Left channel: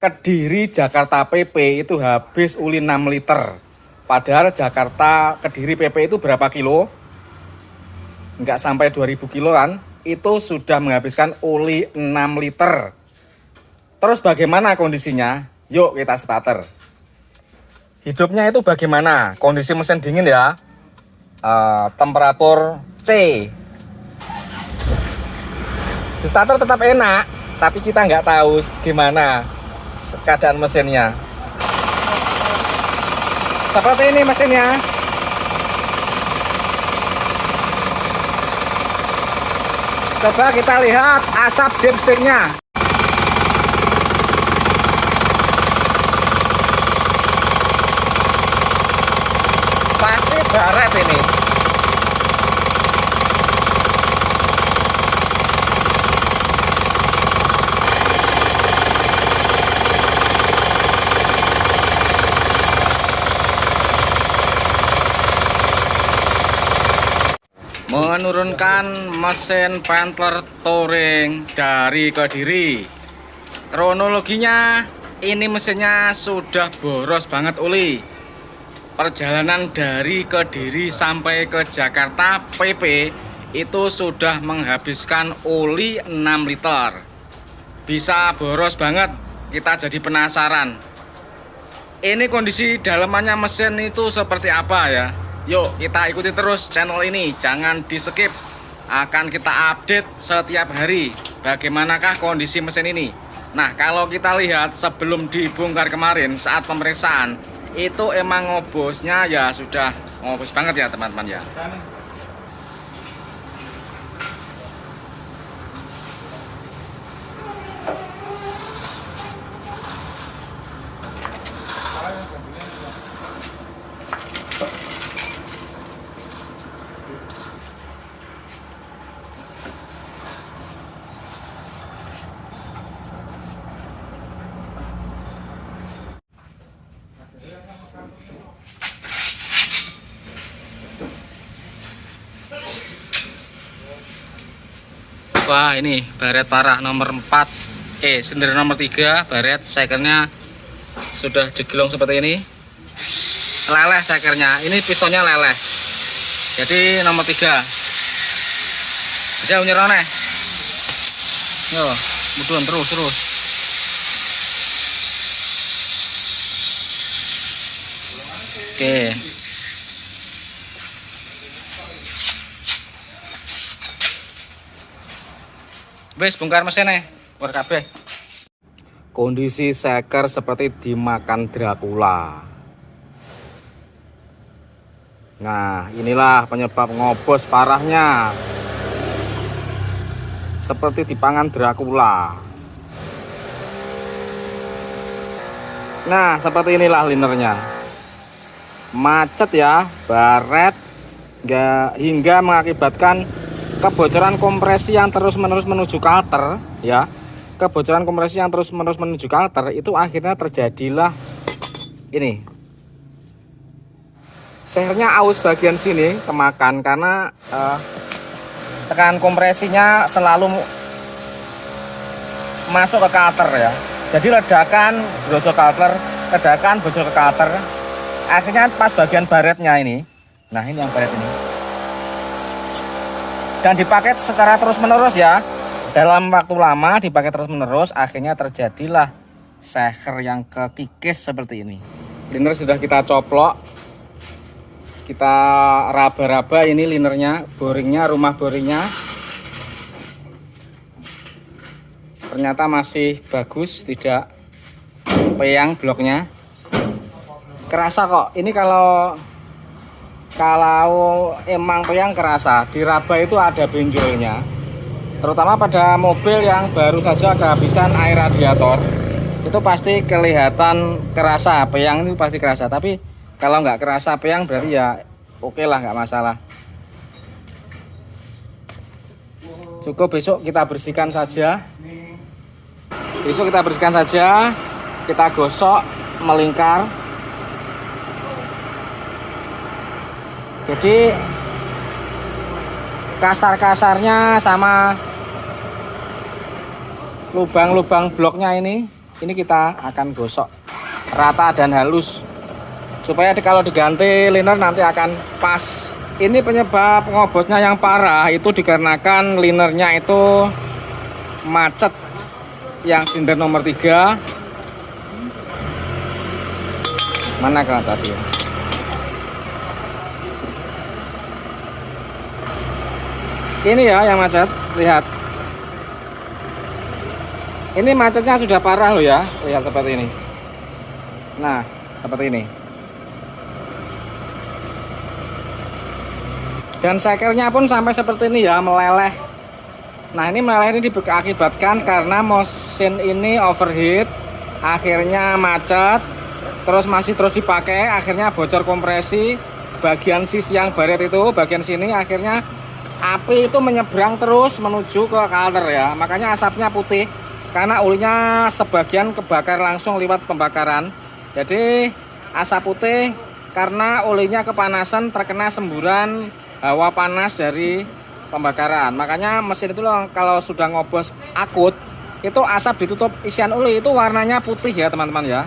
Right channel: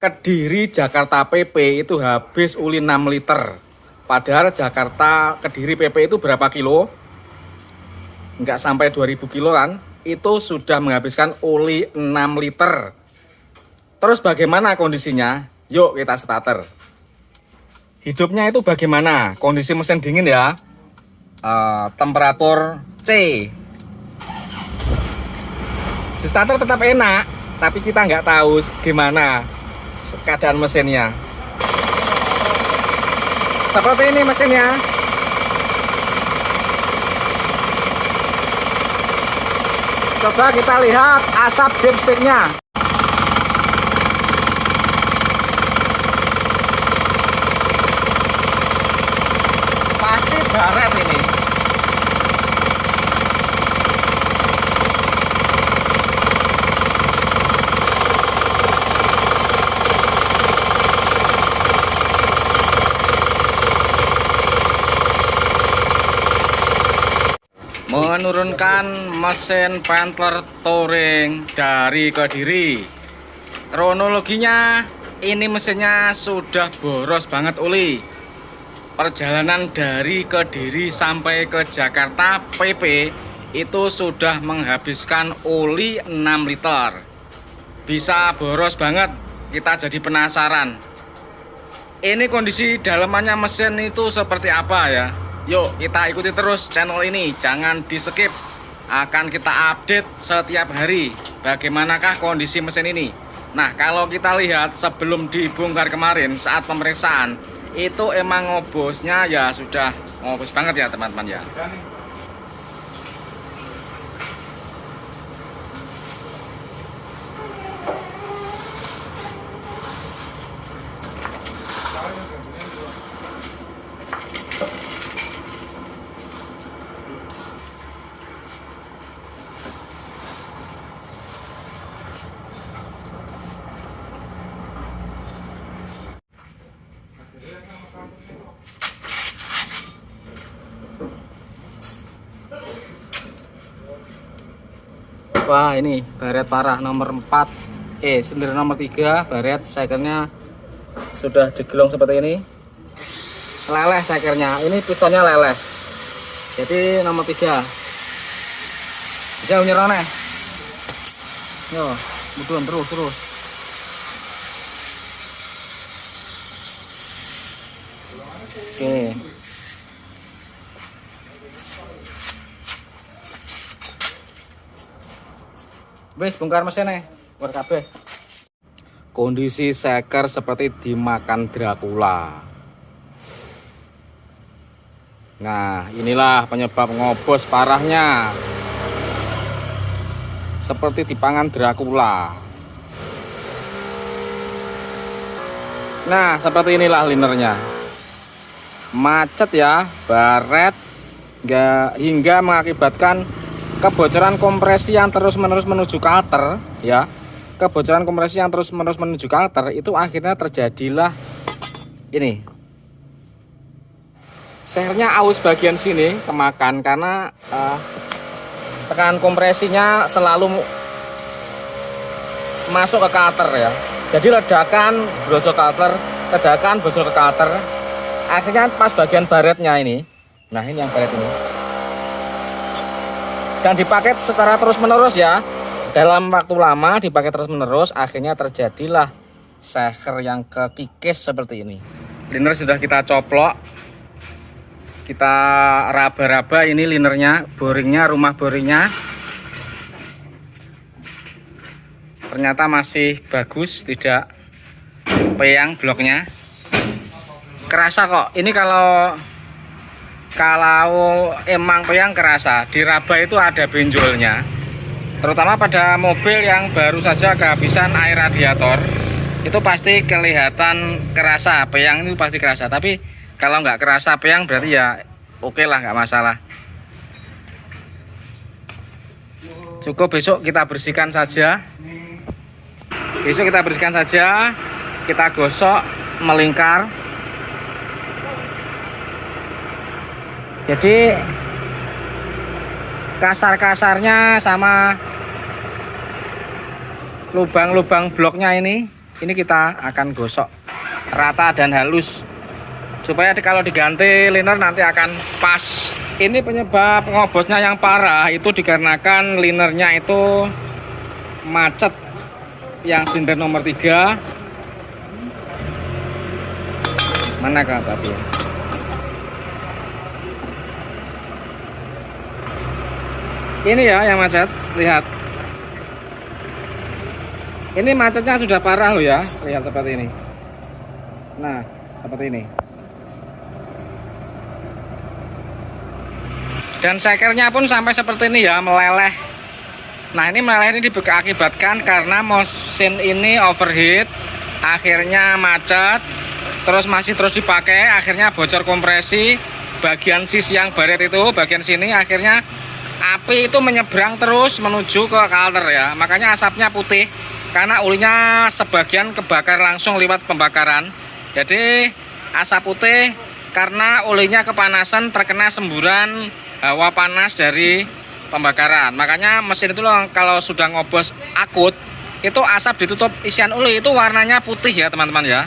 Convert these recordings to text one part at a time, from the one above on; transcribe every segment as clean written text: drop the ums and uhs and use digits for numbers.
Kediri Jakarta PP itu habis uli 6 liter. Padahal Jakarta Kediri PP itu berapa kilo? Nggak sampai 2000 kilo kan? Itu sudah menghabiskan uli 6 liter. Terus bagaimana kondisinya? Yuk kita starter. Hidupnya itu bagaimana? Kondisi mesin dingin ya. Temperatur C. Di starter tetap enak, tapi kita nggak tahu gimana keadaan mesinnya. Seperti ini mesinnya. Coba kita lihat asap dipsticknya. Pasti baret ini. Menurunkan mesin Pantler Touring dari Kediri. Kronologinya, ini mesinnya sudah boros banget oli. Perjalanan dari Kediri sampai ke Jakarta PP itu sudah menghabiskan oli 6 liter. Bisa boros banget, kita jadi penasaran. Ini kondisi dalamannya mesin itu seperti apa ya? Yuk kita ikuti terus channel ini, jangan di skip. Akan kita update setiap hari bagaimanakah kondisi mesin ini. Nah, kalau kita lihat sebelum dibongkar kemarin saat pemeriksaan, itu emang ngobosnya ya sudah ngobos banget ya teman-teman ya. Wah, ini baret parah nomor 4, sender nomor 3, baret sekernya sudah jeglong seperti ini. Leleh sekernya, ini pistonnya leleh. Jadi nomor 3. Jauh nyerone. Yo, mudun terus. Oke. Wes bongkar mesinnya, keluar kabeh. Kondisi seker seperti dimakan Dracula. Nah, inilah penyebab ngobos parahnya. Seperti dipangan Dracula. Nah, seperti inilah linernya. Macet ya, baret hingga mengakibatkan kebocoran kompresi yang terus-menerus menuju kalter ya. Kebocoran kompresi yang terus-menerus menuju kalter itu akhirnya terjadilah ini. Sehernya aus bagian sini kemakan karena tekanan kompresinya selalu masuk ke kalter ya. Jadi ledakan bocor ke kalter. Akhirnya pas bagian baretnya ini. Nah, ini yang baret ini. Dan dipakai secara terus-menerus ya. Dalam waktu lama dipakai terus-menerus, akhirnya terjadilah seher yang kekikis seperti ini. Liner sudah kita coplok. Kita raba-raba ini linernya, boringnya, rumah boringnya. Ternyata masih bagus, tidak peyang bloknya. Kerasa kok. Ini kalau emang peyang kerasa, diraba itu ada benjolnya. Terutama pada mobil yang baru saja kehabisan air radiator, itu pasti kelihatan kerasa, peyang itu pasti kerasa. Tapi kalau nggak kerasa peyang berarti ya oke lah, nggak masalah. Cukup besok kita bersihkan saja. Kita gosok melingkar. Jadi kasar-kasarnya sama lubang-lubang bloknya ini ini kita akan gosok rata dan halus supaya kalau diganti liner nanti akan pas. Ini penyebab ngobosnya yang parah itu dikarenakan linernya itu macet yang silinder nomor 3. Mana kan tadi ya? Ini ya yang macet, lihat. Ini macetnya sudah parah loh ya, lihat seperti ini. Nah, seperti ini. Dan sekernya pun sampai seperti ini ya, meleleh. Nah, ini meleleh ini diakibatkan karena mesin ini overheat, akhirnya macet, terus masih terus dipakai, akhirnya bocor kompresi, bagian sisi yang baret itu, bagian sini akhirnya api itu menyeberang terus menuju ke kalter ya, makanya asapnya putih. Karena ulinya sebagian kebakar langsung lewat pembakaran. Jadi asap putih karena ulinya kepanasan terkena semburan hawa panas dari pembakaran. Makanya mesin itu loh, kalau sudah ngobos akut itu asap ditutup isian uli itu warnanya putih ya teman-teman ya.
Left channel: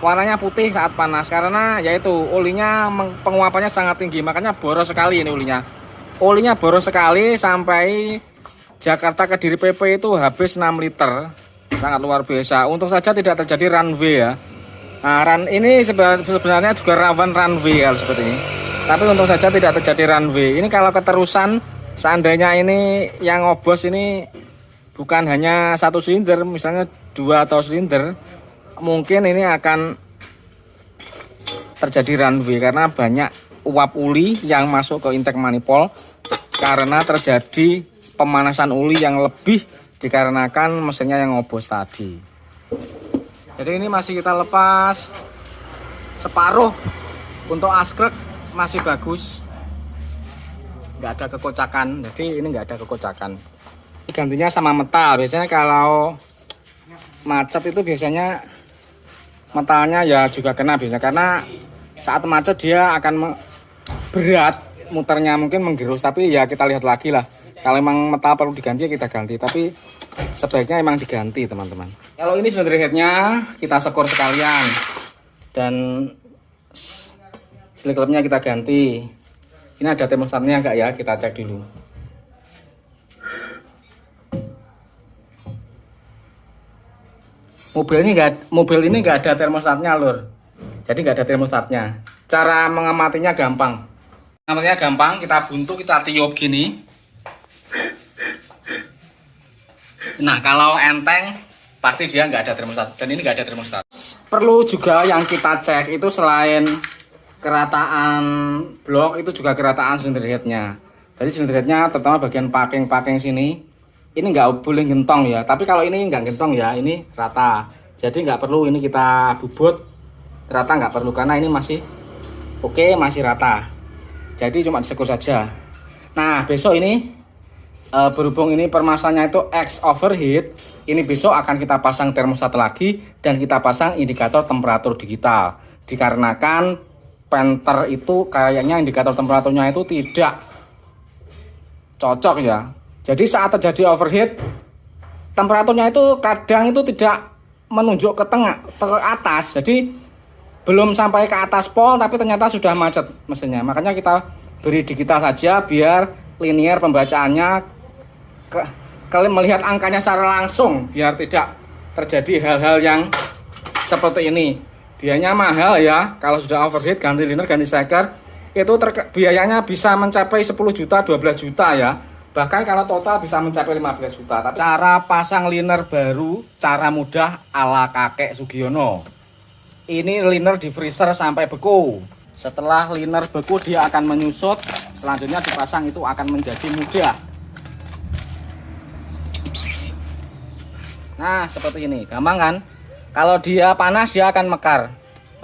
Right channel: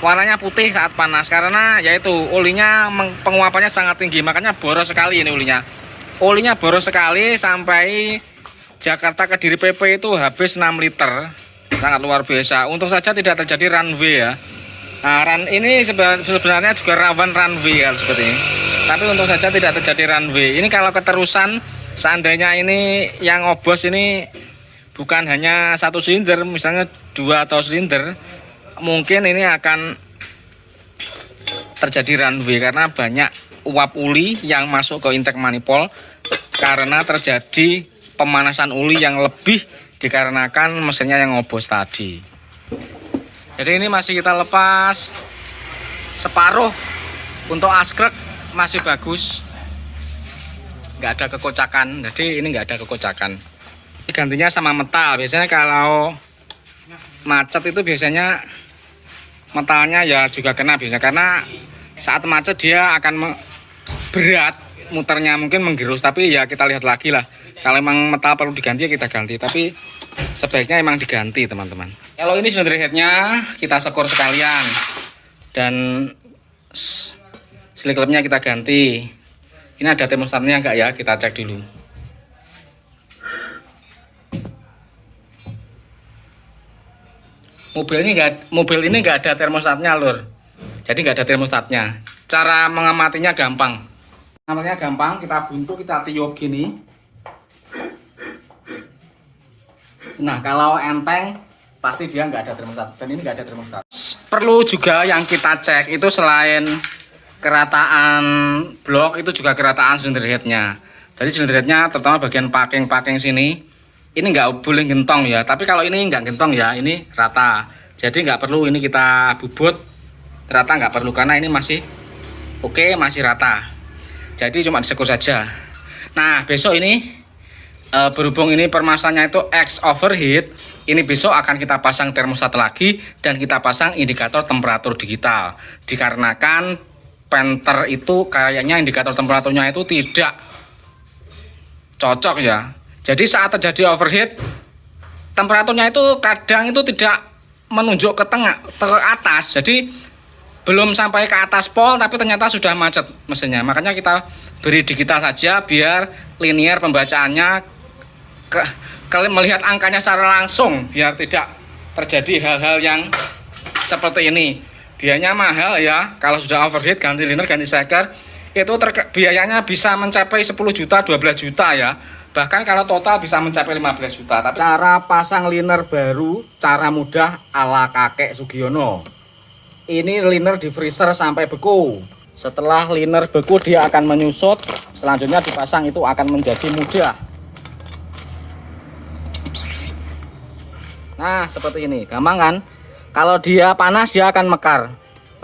Warnanya putih saat panas karena yaitu ulinya penguapannya sangat tinggi. Makanya boros sekali ini ulinya. Ulinya boros sekali sampai Jakarta Kediri PP itu habis 6 liter. Sangat luar biasa. Untung saja tidak terjadi runway ya. Nah, run ini sebenarnya juga rawan runway ya seperti ini. Tapi untung saja tidak terjadi runway. Ini kalau keterusan seandainya ini yang ngobos ini bukan hanya 1 silinder, misalnya 2 atau silinder, mungkin ini akan terjadi runway karena banyak uap uli yang masuk ke intake manifold karena terjadi pemanasan uli yang lebih dikarenakan mesinnya yang ngobos tadi. Jadi ini masih kita lepas separuh. Untuk askrek masih bagus, nggak ada kekocakan. Jadi ini nggak ada kekocakan. Gantinya sama metal. Biasanya kalau macet itu biasanya metalnya ya juga kena biasanya, karena saat macet dia akan berat muternya, mungkin menggerus. Tapi ya kita lihat lagi lah, kalau emang metal perlu diganti ya kita ganti, tapi sebaiknya emang diganti teman-teman. Kalau ini silinder headnya kita sekor sekalian dan slick clubnya kita ganti. Ini ada termostatnya enggak ya, kita cek dulu. Mobil ini enggak ada termostatnya lur, jadi enggak ada termostatnya. Cara mengamatinya gampang. Namanya gampang, kita buntu, kita tiup gini. Nah, kalau enteng pasti dia nggak ada termostat, dan ini nggak ada termostat. Perlu juga yang kita cek itu selain kerataan blok itu juga kerataan silinder headnya. Jadi silinder headnya terutama bagian packing sini ini nggak boleh gentong ya. Tapi kalau ini nggak gentong ya, ini rata. Jadi nggak perlu ini kita bubut rata, nggak perlu karena ini masih oke, masih rata. Jadi cuma disekur saja. Nah, besok ini berhubung ini permasalahannya itu X overheat, ini besok akan kita pasang termostat lagi dan kita pasang indikator temperatur digital. Dikarenakan penter itu kayaknya indikator temperaturnya itu tidak cocok ya. Jadi saat terjadi overheat, temperaturnya itu kadang itu tidak menunjuk ke tengah, ke atas. Jadi belum sampai ke atas pol tapi ternyata sudah macet mesinnya. Makanya kita beri digital saja biar linear pembacaannya, kalian melihat angkanya secara langsung biar tidak terjadi hal-hal yang seperti ini. Biayanya mahal ya, kalau sudah overheat ganti liner, ganti seker itu biayanya bisa mencapai 10 juta, 12 juta ya. Bahkan kalau total bisa mencapai 15 juta. Tapi cara pasang liner baru, cara mudah ala kakek Sugiono. Ini liner di freezer sampai beku. Setelah liner beku dia akan menyusut, selanjutnya dipasang itu akan menjadi mudah. Nah, seperti ini, gampang kan? Kalau dia panas dia akan mekar.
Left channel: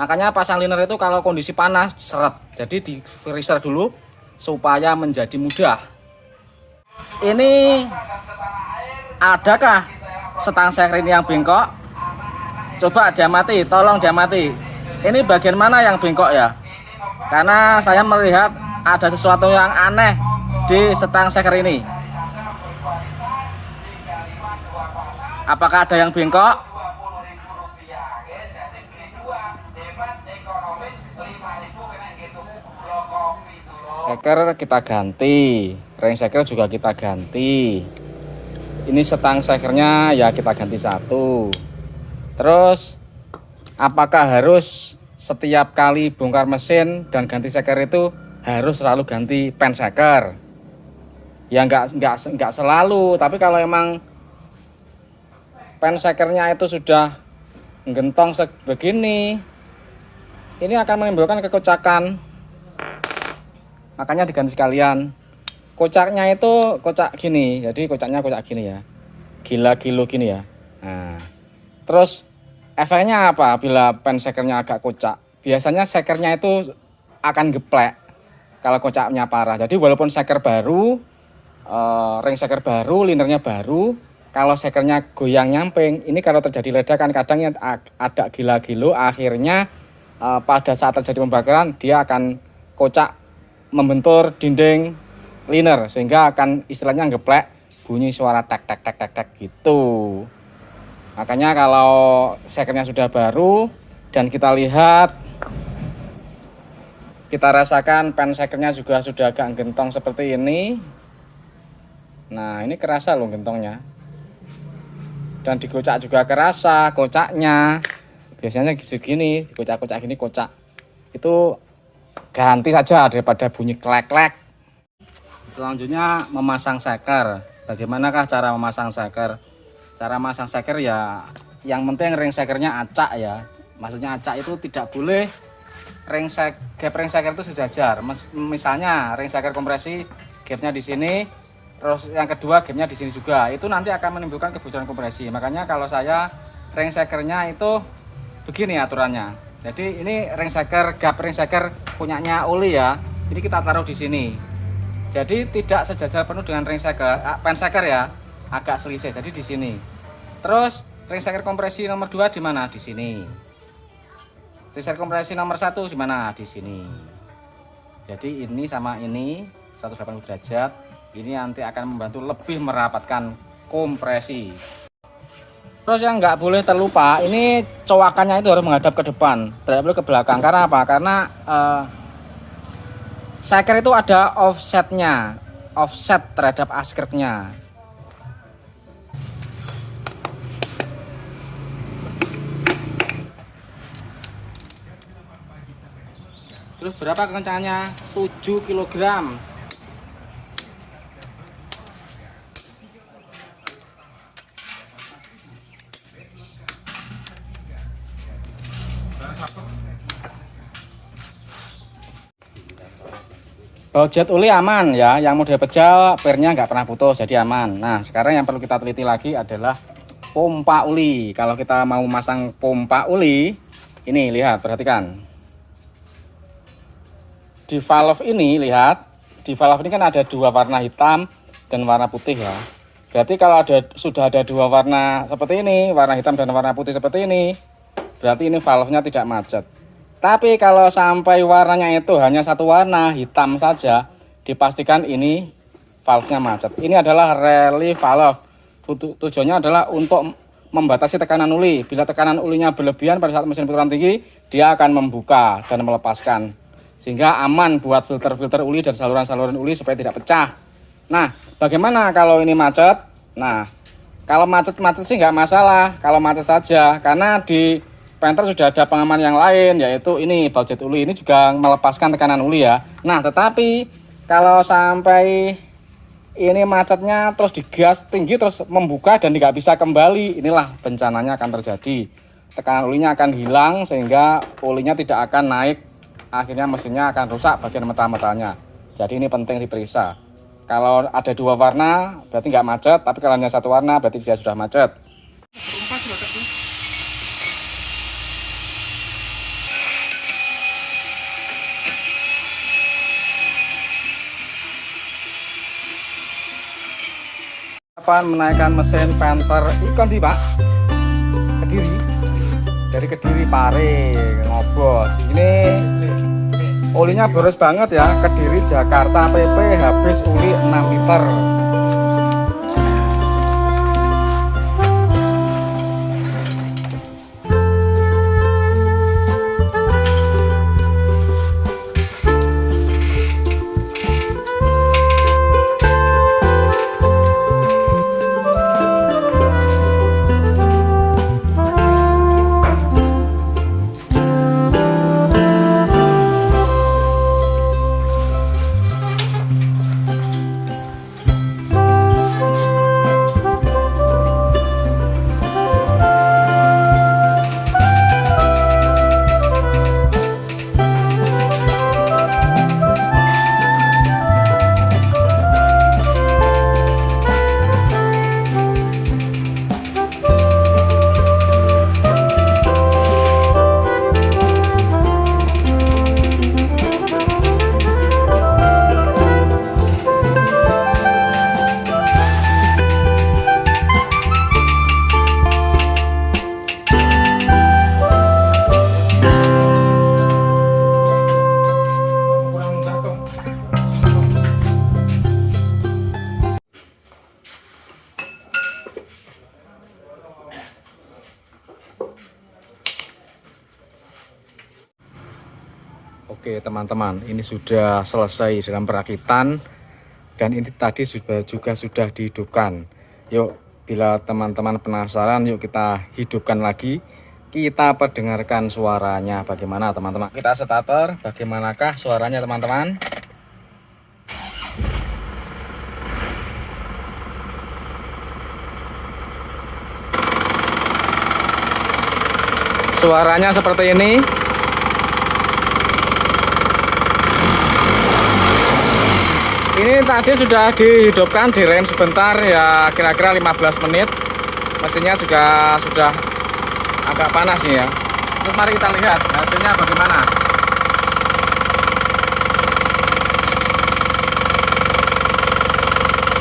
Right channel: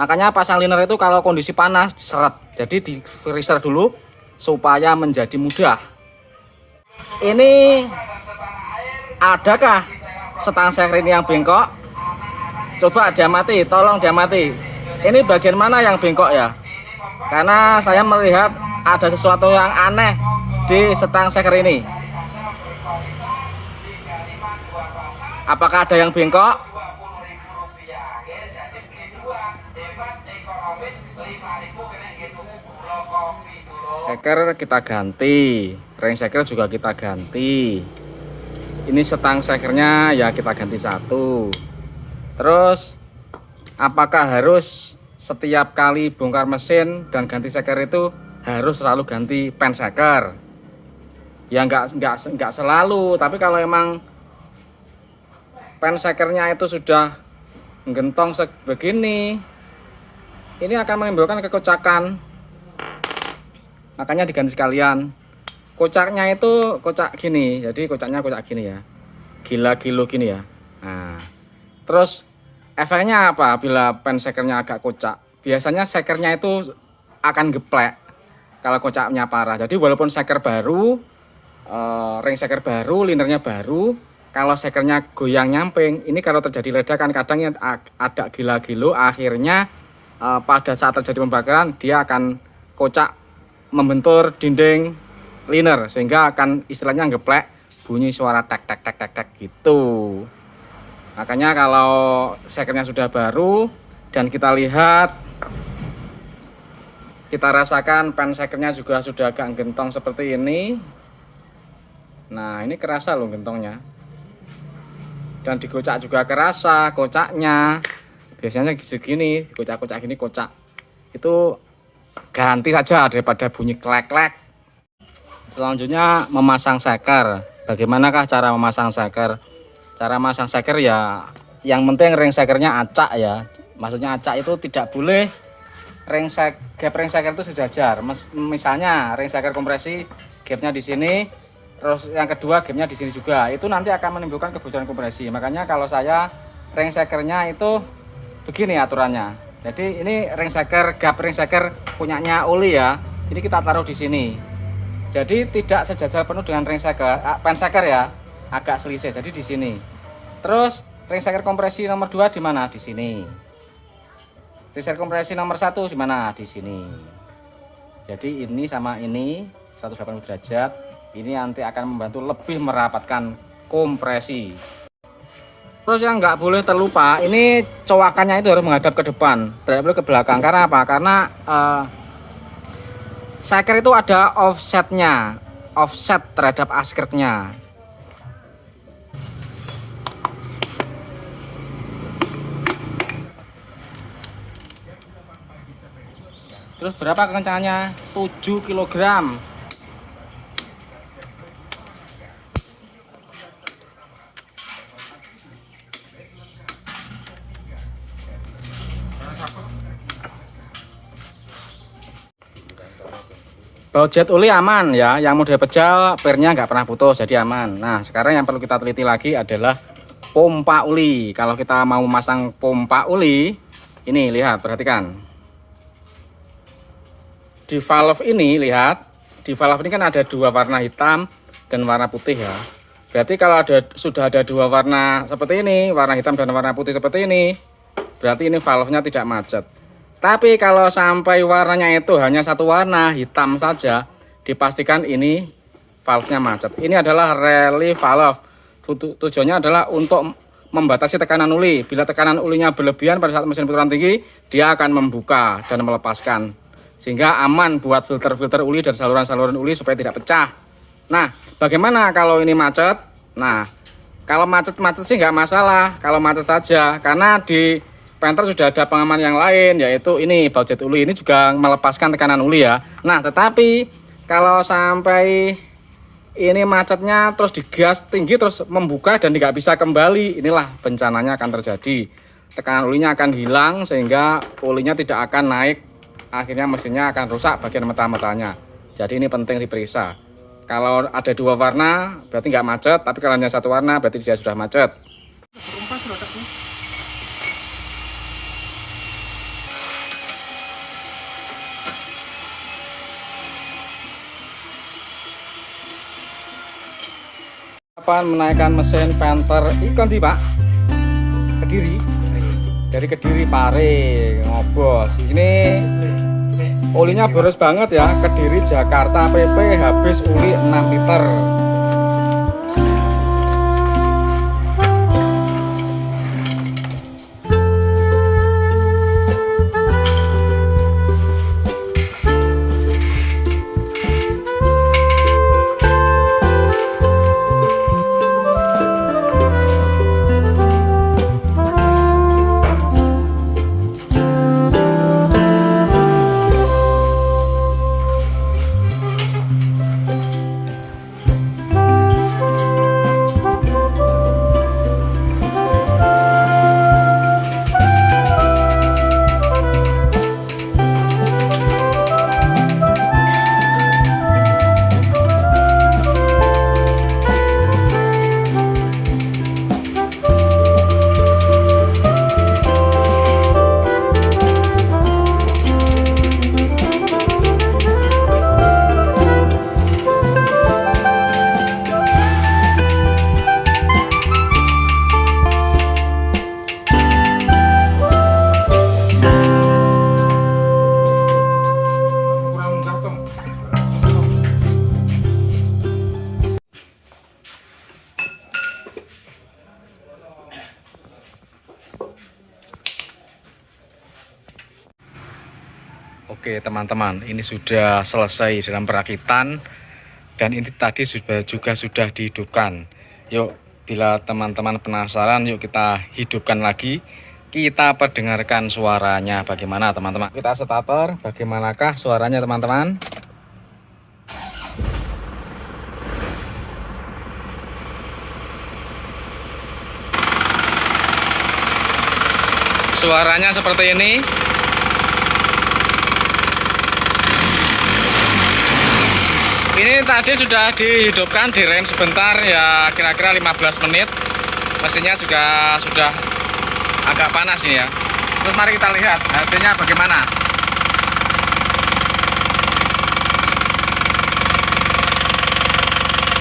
Makanya pasang liner itu kalau kondisi panas seret. Jadi di freezer dulu supaya menjadi mudah. Ini adakah setang seker ini yang bengkok? Coba jamati, tolong jamati. Ini bagian mana yang bengkok ya? Karena saya melihat ada sesuatu yang aneh di setang seker ini. Apakah ada yang bengkok? Seker kita ganti, ring seker juga kita ganti. Ini setang sekernya ya kita ganti satu. Terus apakah harus setiap kali bongkar mesin dan ganti seker itu harus selalu ganti pen seker? Ya enggak selalu, tapi kalau emang pen sekernya itu sudah gentong sebegini, ini akan menimbulkan kekocakan. Makanya diganti sekalian. Kocaknya itu kocak gini, jadi kocaknya kocak gini ya, gila-gilo gini ya. Nah, terus efeknya apa bila pen sekernya agak kocak? Biasanya sekernya itu akan geplek kalau kocaknya parah. Jadi walaupun seker baru, ring seker baru, linernya baru, kalau sekernya goyang nyamping, ini kalau terjadi ledakan kadang ada gila-gilo, akhirnya pada saat terjadi pembakaran dia akan kocak, membentur dinding liner, sehingga akan istilahnya geplek, bunyi suara tek tek tek tek tek gitu. Makanya kalau sekernya sudah baru dan kita lihat, kita rasakan pen sekernya juga sudah agak gentong seperti ini. Nah, ini kerasa loh gentongnya. Dan dikocak juga kerasa kocaknya. Biasanya segini, kocak-kocak gini kocak. Itu ganti saja daripada bunyi klek-klek. Selanjutnya memasang seker. Bagaimanakah cara memasang seker? Cara memasang seker ya yang penting ring sekernya acak ya. Maksudnya acak itu tidak boleh gap ring seker itu sejajar. Misalnya ring seker kompresi gapnya di sini, terus yang kedua gapnya di sini juga. Itu nanti akan menimbulkan kebocoran kompresi. Makanya kalau saya ring sekernya itu begini aturannya. Jadi ini ring seker, gap ring seker punyanya Uli ya. Ini kita taruh di sini. Jadi tidak sejajar penuh dengan ring seker, pen seker ya. Agak selisih. Jadi di sini. Terus ring seker kompresi nomor 2 di mana? Di sini. Ring seker kompresi nomor 1 di mana? Di sini. Jadi ini sama ini 180 derajat. Ini nanti akan membantu lebih merapatkan kompresi. Terus yang nggak boleh terlupa, ini cowakannya itu harus menghadap ke depan, tidak boleh ke belakang. Karena apa? Karena seker itu ada offsetnya, offset terhadap askretnya. Terus berapa kencangannya? 7 kg. Jet Uli aman ya, yang mode pejal pernya nggak pernah putus, jadi aman. Nah, sekarang yang perlu kita teliti lagi adalah pompa uli. Kalau kita mau masang pompa uli, ini lihat, perhatikan. Di valve ini, lihat, di valve ini kan ada dua warna hitam dan warna putih ya. Berarti kalau sudah ada dua warna seperti ini, warna hitam dan warna putih seperti ini, berarti ini valve-nya tidak macet. Tapi kalau sampai warnanya itu hanya satu warna, hitam saja, dipastikan ini valve-nya macet. Ini adalah relief valve. Tujuannya adalah untuk membatasi tekanan uli. Bila tekanan ulinya berlebihan pada saat mesin putaran tinggi, dia akan membuka dan melepaskan. Sehingga aman buat filter-filter uli dan saluran-saluran uli supaya tidak pecah. Nah, bagaimana kalau ini macet? Nah, kalau macet-macet sih nggak masalah. Kalau macet saja, karena di Panther sudah ada pengaman yang lain, yaitu ini bau jet uli. Ini juga melepaskan tekanan uli ya. Nah, tetapi kalau sampai ini macetnya terus digas tinggi terus membuka dan tidak bisa kembali, inilah bencananya akan terjadi. Tekanan ulinya akan hilang sehingga ulinya tidak akan naik. Akhirnya mesinnya akan rusak bagian mata-matanya. Jadi ini penting diperiksa. Kalau ada dua warna berarti nggak macet, tapi kalau hanya satu warna berarti dia sudah macet. Menaikkan mesin Panther ikon Pak Kediri, dari Kediri Pare ngobos. Ini olinya boros banget ya. Kediri Jakarta PP habis uli 6 liter. Oke teman-teman, ini sudah selesai dalam perakitan dan ini tadi juga sudah dihidupkan. Yuk, bila teman-teman penasaran, yuk kita hidupkan lagi. Kita perdengarkan suaranya bagaimana teman-teman. Kita starter, bagaimanakah suaranya teman-teman? Suaranya seperti ini. Ini tadi sudah dihidupkan, direm sebentar ya, kira-kira 15 menit. Mesinnya juga sudah agak panas nih ya. Terus mari kita lihat hasilnya bagaimana.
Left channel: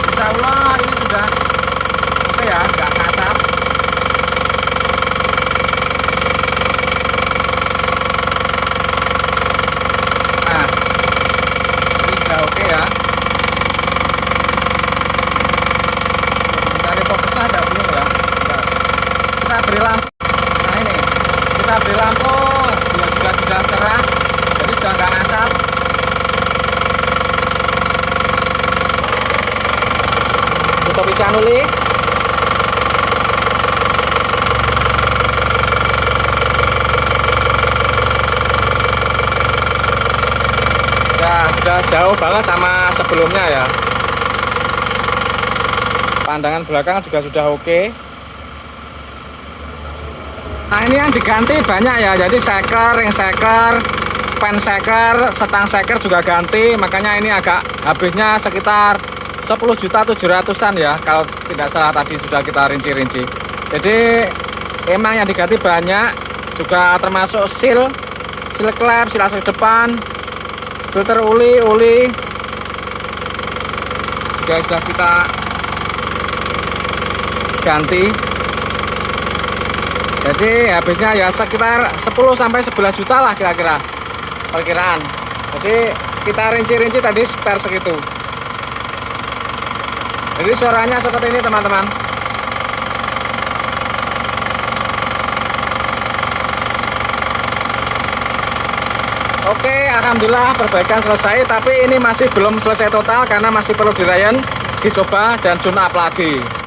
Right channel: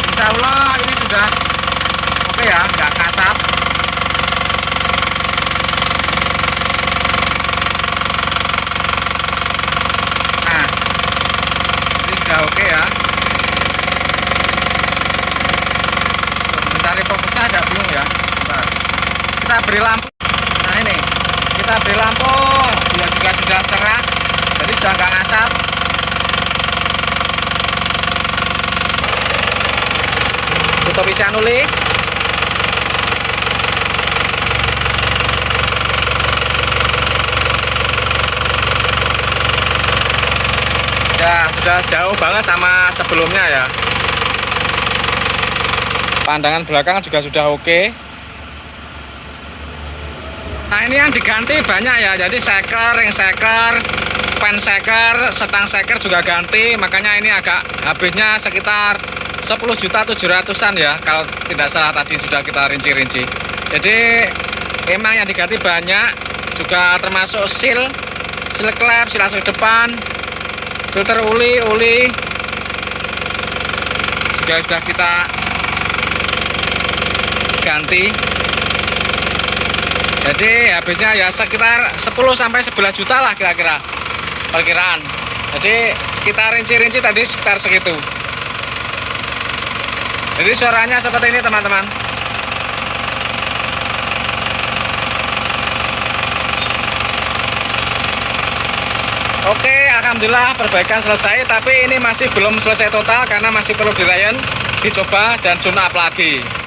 Insya Allah ini sudah oke ya, nggak kasar. Nah, ini sudah oke ya. Mencari fokusnya ada belum ya? Bentar. Kita beri lampu. Nah ini, kita beri lampu. Dia juga sudah cerah, jadi sudah nggak ngasap. Kita bisa nuli. Ya sudah jauh banget sama sebelumnya ya. Pandangan belakang juga sudah oke. Nah ini yang diganti banyak ya, jadi seker, ring seker, pen seker, setang seker juga ganti. Makanya ini agak habisnya sekitar 10.700.000-an ya, kalau tidak salah tadi sudah kita rinci-rinci. Jadi emang yang diganti banyak, juga termasuk seal klep, seal asli depan, filter uli juga sudah kita ganti. Jadi habisnya ya sekitar 10-11 juta lah kira-kira perkiraan. Jadi kita rinci-rinci tadi sekitar segitu. Jadi suaranya seperti ini teman-teman. Oke, alhamdulillah perbaikan selesai, tapi ini masih belum selesai total karena masih perlu dirayan, dicoba dan tune up lagi.